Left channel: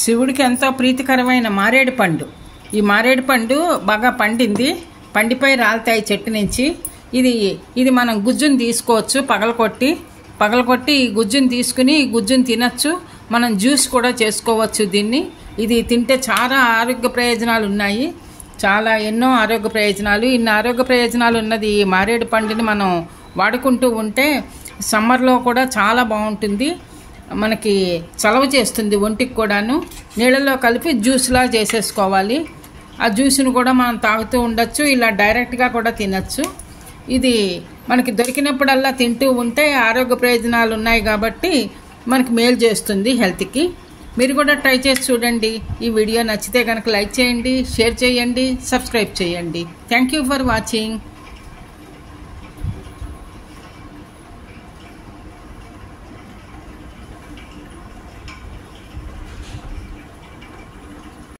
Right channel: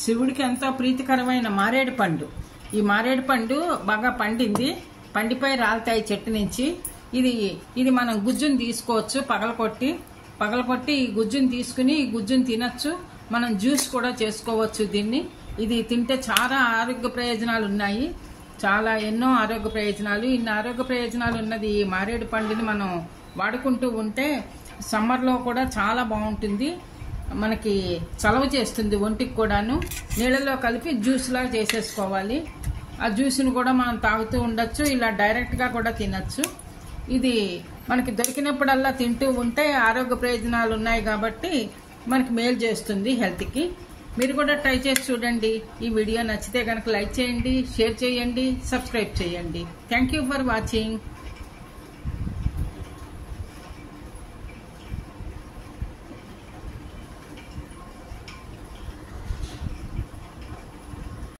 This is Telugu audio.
శివుడికి ఎంతో ప్రీతికరమైన మారేడు పండు. ఈ మారేడు పండు బాగా పండింది, పండిపై రాలుతాయి చెట్టు నుంచి. ఇది మనం గుజ్జును తీసుకోవచ్చు, పగలకొట్టి ఈ గుజ్జును తీసుకుని ఈ గుజ్జును తినచ్చు. మనం జ్యూస్ కూడా చేసుకోవచ్చు దీన్ని. ఇది తింటే చాలా ఆరోగ్య ప్రయోజనాలు ఉన్నాయి, ఎన్నో ఆరోగ్య ప్రయోజనాలు. ఇన్ని ఆరోగ్య ప్రయోజనాలు ఉన్నది ఈ మారేడు పండుని మనం వాడుకుంటూ ఉంటే సమ్మర్లో కూడా చాలా బాగుంటుంది. మనకి చలవ చేస్తుంది ఒంటికి కూడాను. నీళ్ళల్లో కలిపి జ్యూస్లా చేసేసుకోవాలి. ఆ జ్యూస్ను కూడా మనం తాగుతూ ఉండొచ్చు, ఇలా డైరెక్ట్గా కూడా తినచ్చు. ఇది మనకి దొరికినప్పుడల్లా తింటూ ఉంటే ఆరోగ్య ప్రయోజనాలు ఉన్నాయి కాబట్టి మనకి మేలు చేస్తుంది హెల్త్కి. మీరు కూడా ట్రై చేసి చూడండి. ఈ వీడియో నచ్చితే కనుక లైక్ చేయండి, షేర్ చేయండి, సబ్స్క్రైబ్ చేయండి. Thank you for watching.